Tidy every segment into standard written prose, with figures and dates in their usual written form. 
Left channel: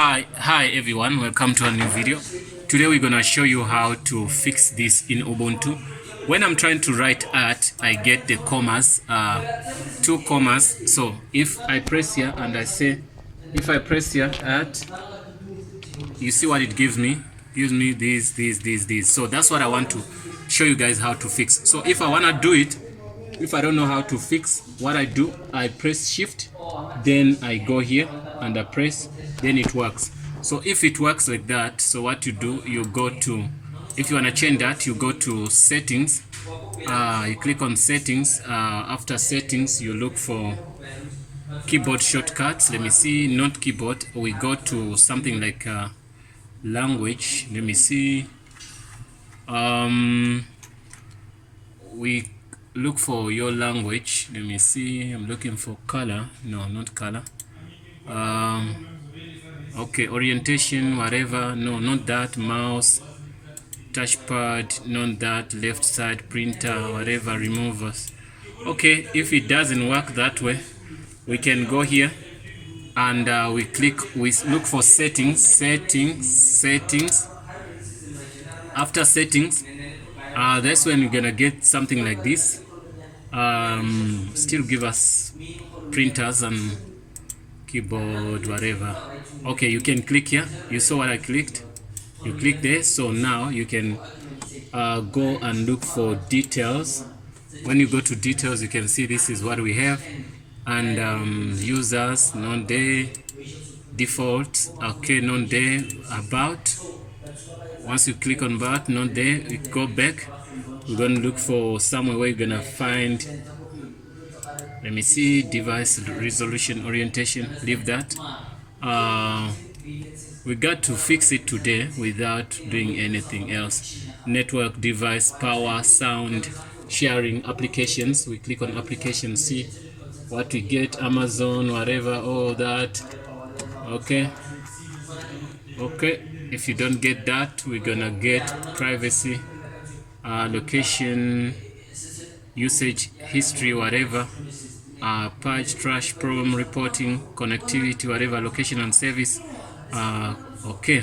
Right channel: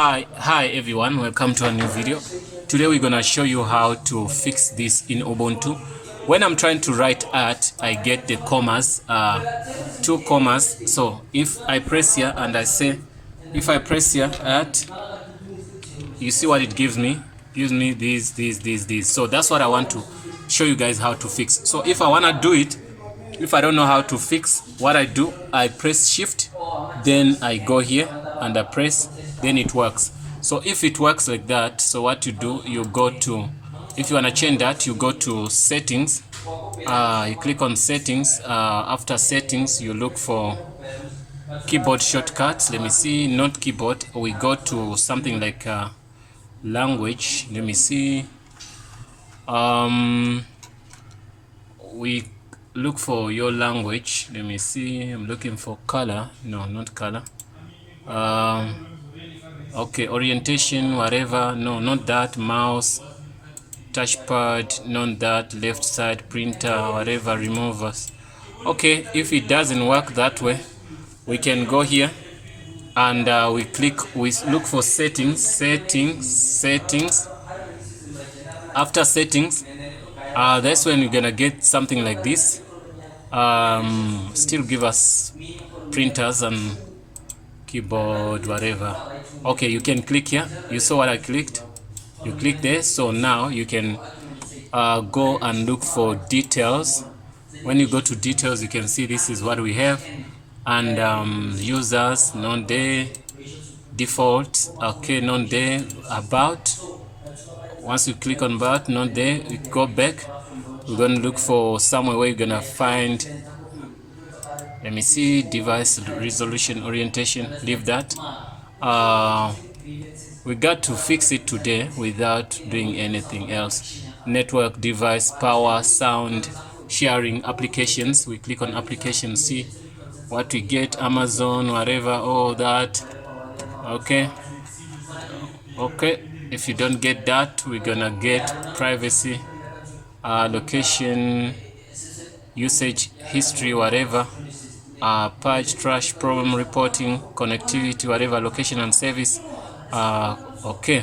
Hi everyone, welcome to a new video. Today we're gonna show you how to fix this in Ubuntu. When I'm trying to write art, I get the commas, two commas. So if I press here and I say, if I press here art, you see what it gives me? Gives me these. So that's what I want to show you guys how to fix. So if I wanna do it, if I don't know how to fix, what I do, I press shift, then I go here and I press, then it works. So if it works like that, so what you do, you go to, if you want to change that, you go to settings, you click on settings. After settings, you look for keyboard shortcuts. Let me see, not keyboard, we go to something like language. Let me see, we look for your language. Let me see, I'm looking for color. No, not color. Okay, orientation, whatever. No, not that. Mouse, touchpad, not that. Left side, printer, whatever. Removers. Okay, if it doesn't work that way, we can go here and we look for settings. After settings, that's when we're gonna get something like this. Still give us printers and keyboard, whatever. Okay, you can click here. You saw what I clicked. You click there. So now you can go and look for details. When you go to details, you can see this is what we have. And users, not there, default, okay, not there, about. Once you click on about, not there, you go back. We're going to look for somewhere where you're going to find, let me see, device resolution orientation. Leave that. We got to fix it today without doing anything else. Network, device, power, sound, sharing, applications. We click on applications, see what we get, Amazon, whatever, all that. Okay, if you don't get that, we're gonna get privacy, location, usage history, whatever, purge, trash, problem reporting, connectivity, whatever, location and service. Okay,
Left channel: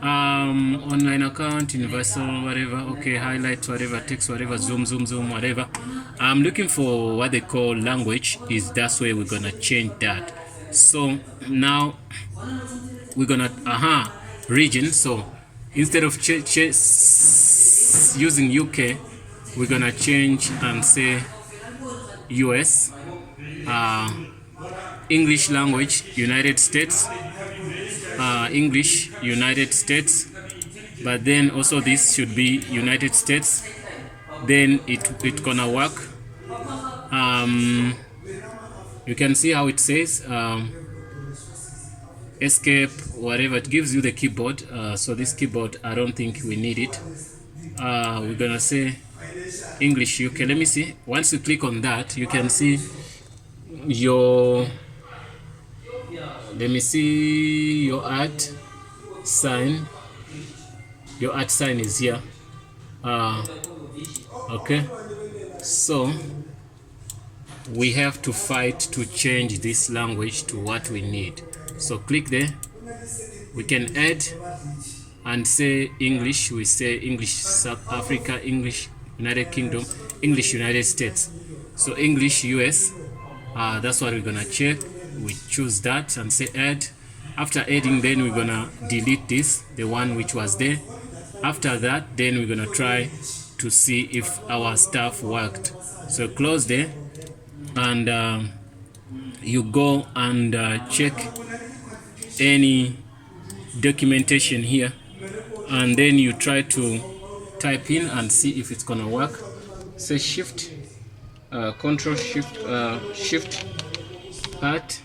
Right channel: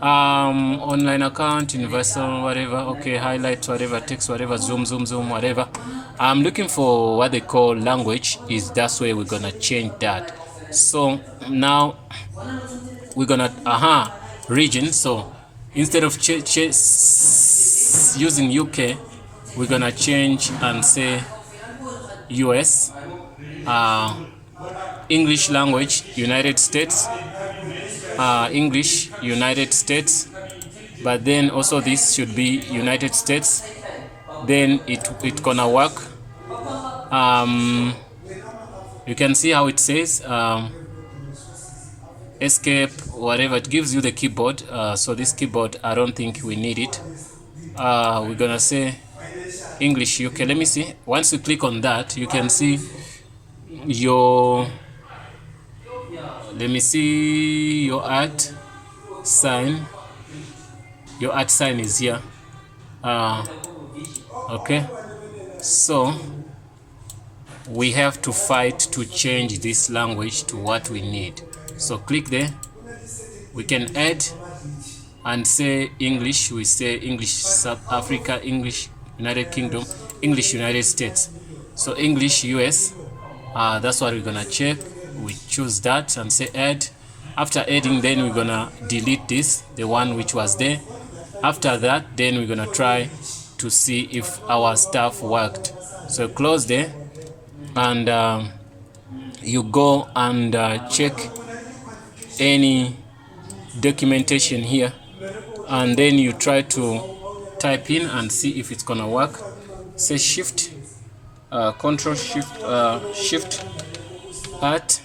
online account, universal, whatever. Okay, highlight, whatever, text, whatever, zoom, whatever. I'm looking for what they call language. Is that's where we're gonna change that. So now we're gonna region. So instead of using UK, we're gonna change and say US. English language, United States. English, United States. But then also this should be United States. Then it gonna work. You can see how it says escape, whatever. It gives you the keyboard. So this keyboard, I don't think we need it. We're gonna say English UK. Let me see. Once you click on that, you can see your, let me see, your art sign. Your art sign is here. Okay, so we have to fight to change this language to what we need. So click there. We can add and say English. We say English South Africa, English United Kingdom, English United States. So English US. That's what we're gonna check. We choose that and say add. After adding, then we're gonna delete this, the one which was there. After that, then we're gonna try to see if our stuff worked. So close there, and you go and check any documentation here, and then you try to type in and see if it's gonna work. Say shift, control shift art.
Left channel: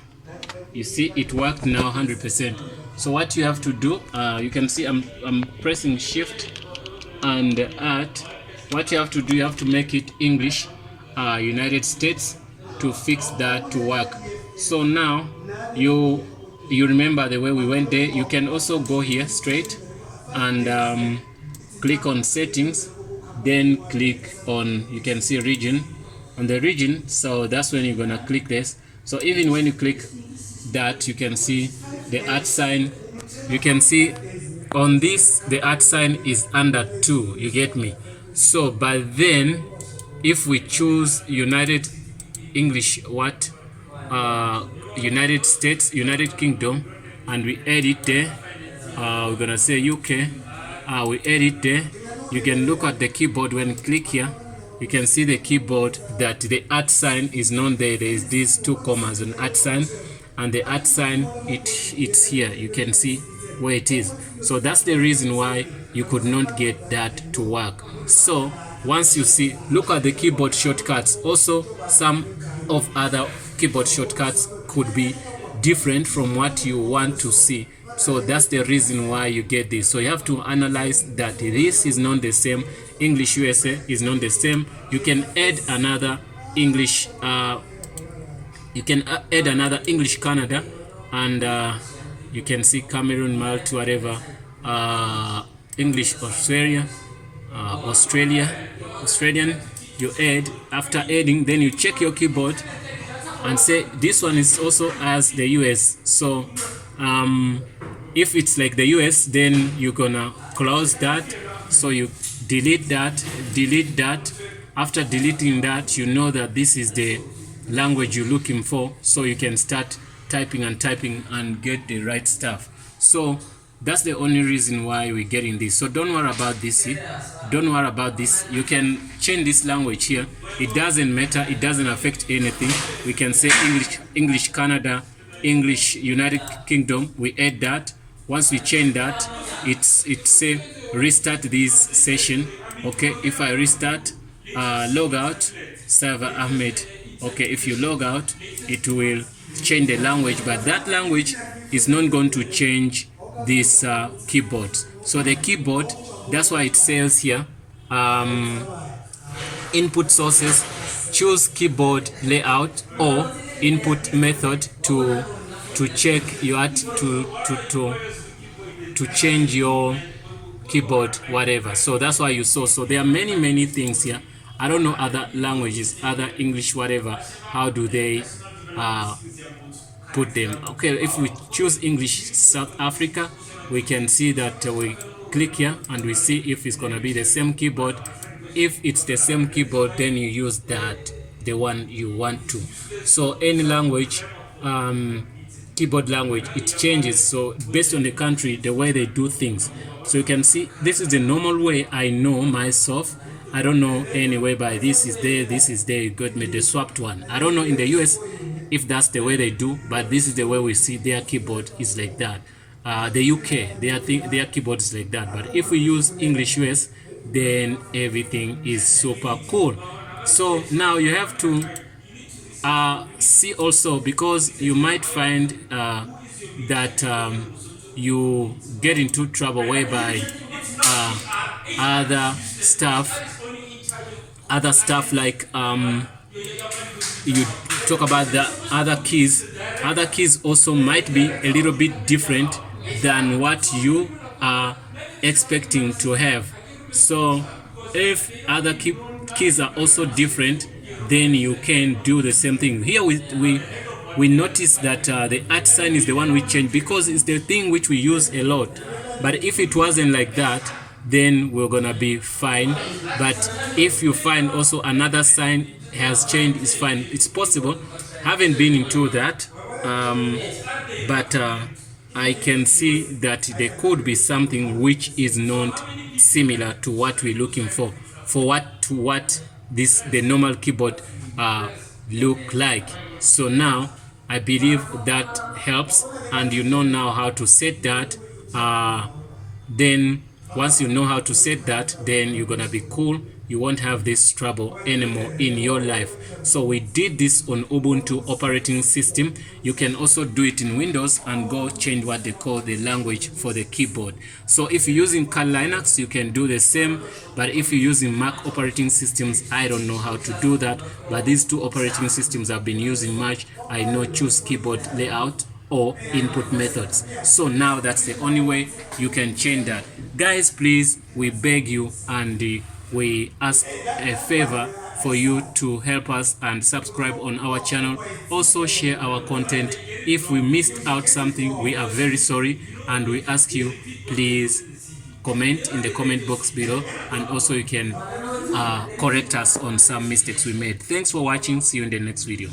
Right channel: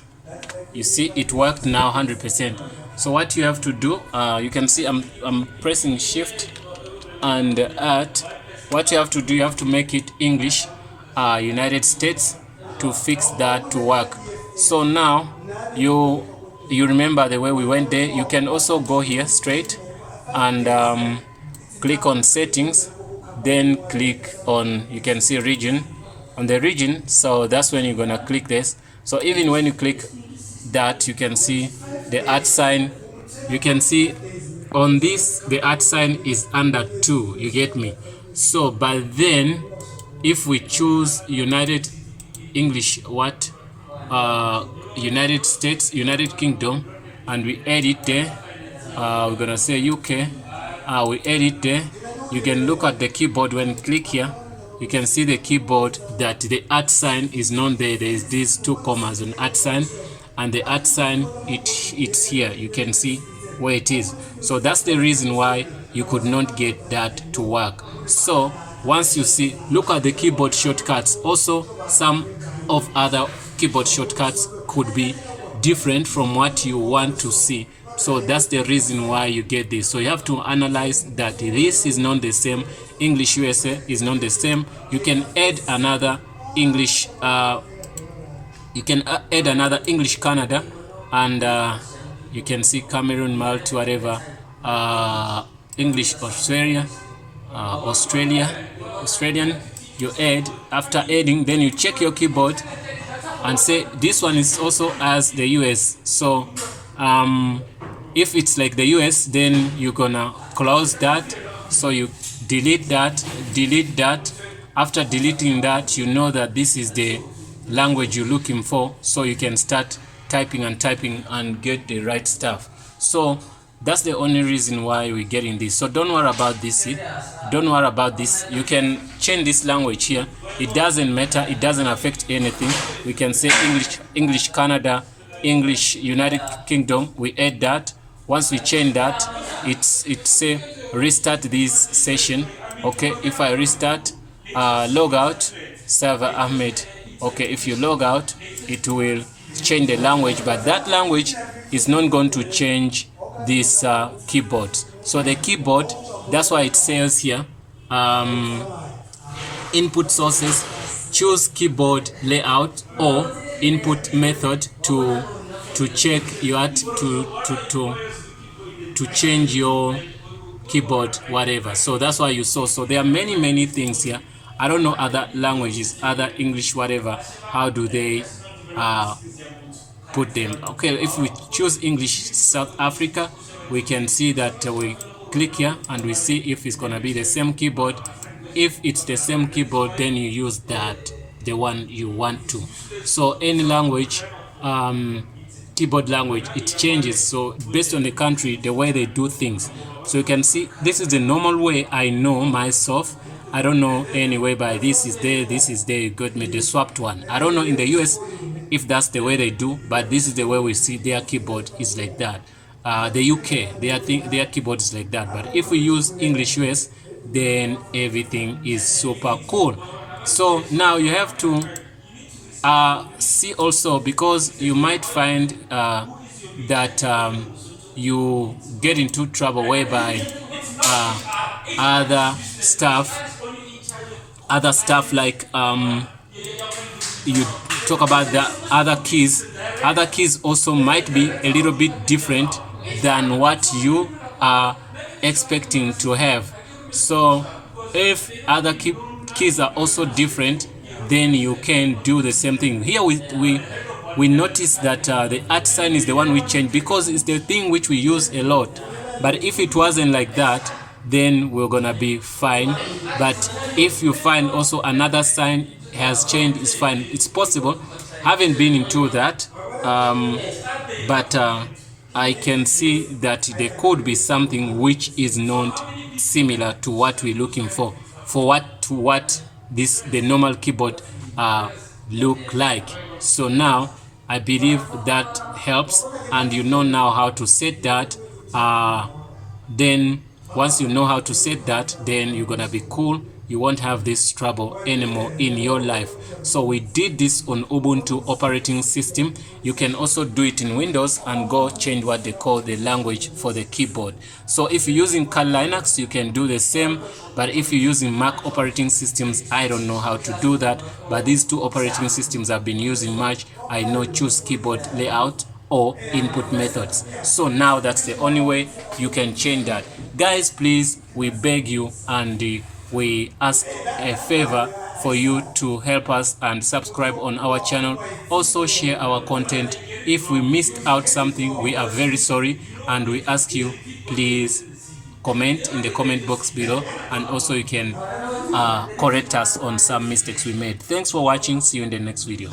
You see it worked now 100%. So what you have to do, you can see I'm pressing shift and art. What you have to do, you have to make it English United States to fix that to work. So now you remember the way we went there. You can also go here straight and click on settings, then click on, you can see region, on the region. So that's when you're gonna click this. So even when you click that, you can see the art sign you can see on this the at sign is under 2, you get me? So but then if we choose United English what United States, United Kingdom, and we add it there, we're gonna say UK, we add it there. You can look at the keyboard. When you click here, you can see the keyboard that the at sign is not there. There is these 2 commas and at sign, and the at sign it's here. You can see where it is. So that's the reason why you could not get that to work. So once you see, look at the keyboard shortcuts. Also, some of other keyboard shortcuts could be different from what you want to see. So that's the reason why you get this. So you have to analyze that this is not the same. English USA is not the same. You can add another English Canada, and you can see Cameroon, Malta, whatever, English Australian, you add. After adding, then you check your keyboard and say this one is also as the US. So if it's like the US, then you're gonna close that. So you delete that. After deleting that, you know that this is the language you're looking for, so you can start typing and get the right stuff. So that's the only reason why we're getting this. So don't worry about this here. Don't worry about this. You can change this language here. It doesn't matter. It doesn't affect anything. We can say English Canada, English United Kingdom. We add that. Once we change that, it say restart this session. Okay, if I restart, log out, server Ahmed. Okay, if you log out, it will change the language, but that language is not going to change this keyboard. So the keyboard, that's why it says here, input sources, choose keyboard layout or input method to check your to change your keyboard, whatever. So that's why you saw. So there are many things here. I don't know other languages, other English, whatever, how do they put them. Okay, if we choose English South Africa, we can see that we click here and we see if it's gonna be the same keyboard. If it's the same keyboard, then you use that, the one you want to. So any language, keyboard language, it changes. So based on the country, the way they do things. So you can see this is the normal way I know myself. I don't know anyway, but this is there, you got me the swapped one. I don't know in the US if that's the way they do, but this is the way we see their keyboard is like that. The UK, their keyboard is like that. But if we use English US, then everything is super cool. So now you have to see also, because you might find that you get into trouble whereby other stuff like you talk about the other keys also might be a little bit different than what you are expecting to have. So if other keys are also different, then you can do the same thing. Here we notice that the @ sign is the one we change because it's the thing which we use a lot. But if it wasn't like that, then we're gonna be fine. But if you find also another sign has changed, it's fine. It's possible. Haven't been into that, but I can see that there could be something which is not similar to what we're looking for what the normal keyboard look like. So now I believe that helps, and you know now how to set that. Then once you know how to set that, then you're gonna be cool. You won't have this trouble anymore in your life. So we did this on Ubuntu operating system. You can also do it in Windows and go change what they call the language for the keyboard. So if you're using Kali Linux, you can do the same. But if you're using Mac operating systems, I don't know how to do that. But these two operating systems I've been using much. I know choose keyboard layout or input methods. So now that's the only way you can change that. Guys, please, we beg you and we ask a favor for you to help us and subscribe on our channel. Also share our content. If we missed out something, we are very sorry. and we ask you, please comment in the comment box below, and also you can correct us on some mistakes we made. Thanks for watching. See you in the next video.